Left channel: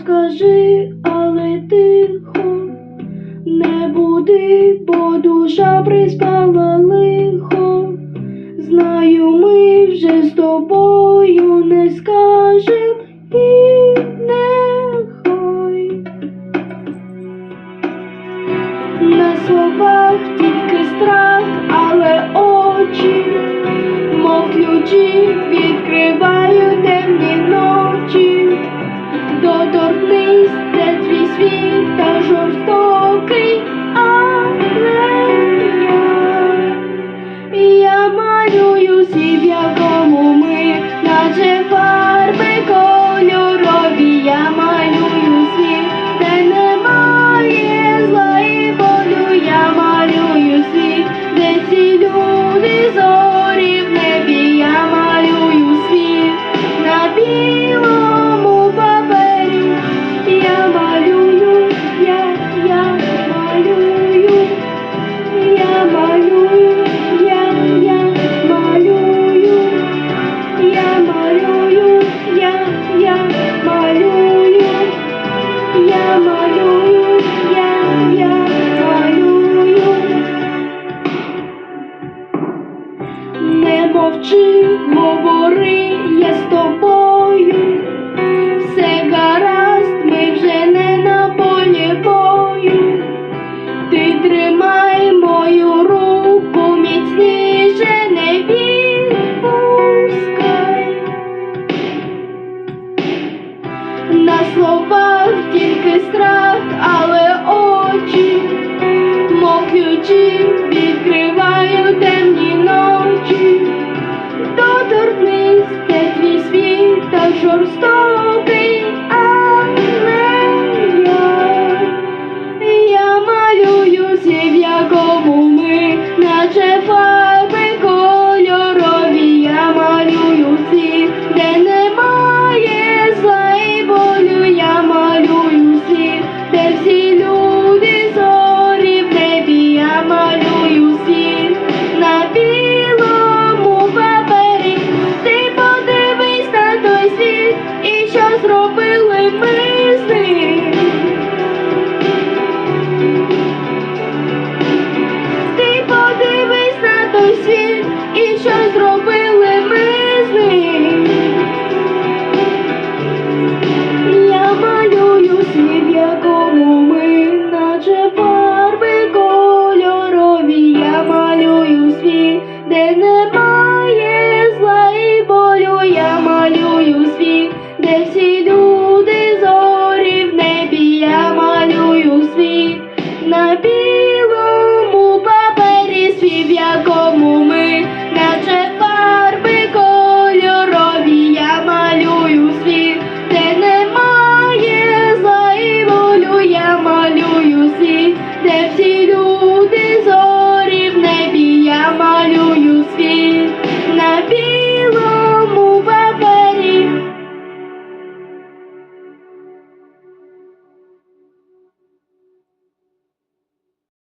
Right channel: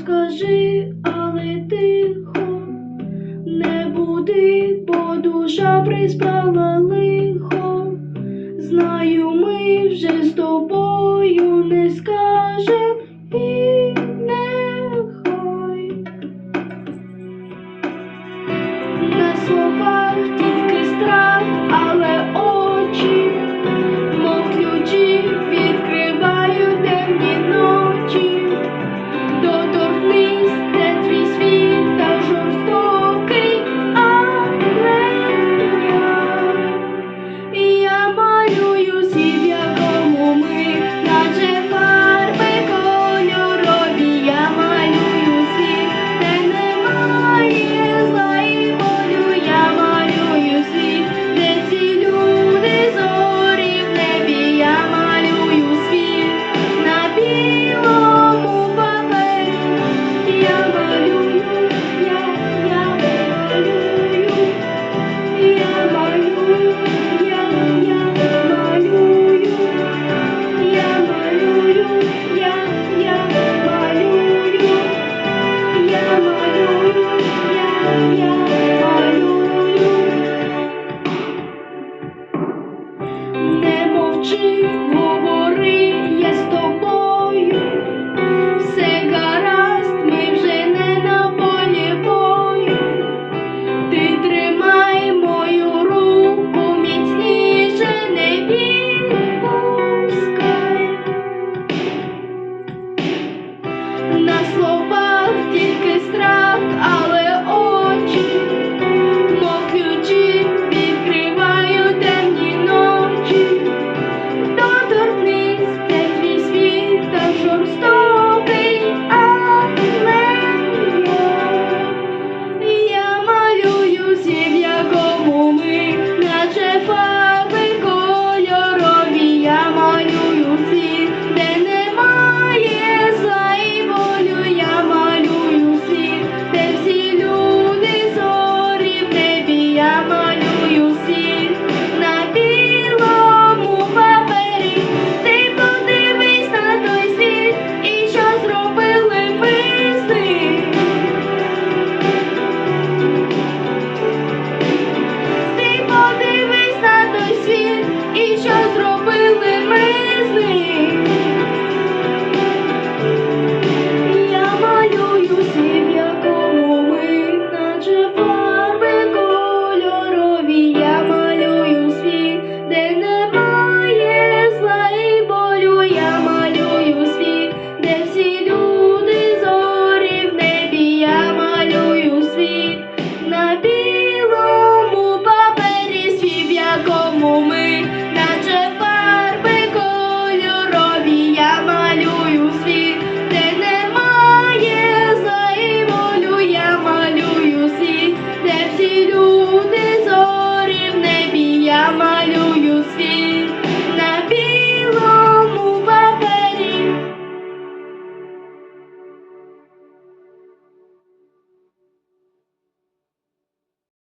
скажи, але тихо, не буди, бо душа приспала лихо. Знаю, ми вже з тобою не скажем Thank you.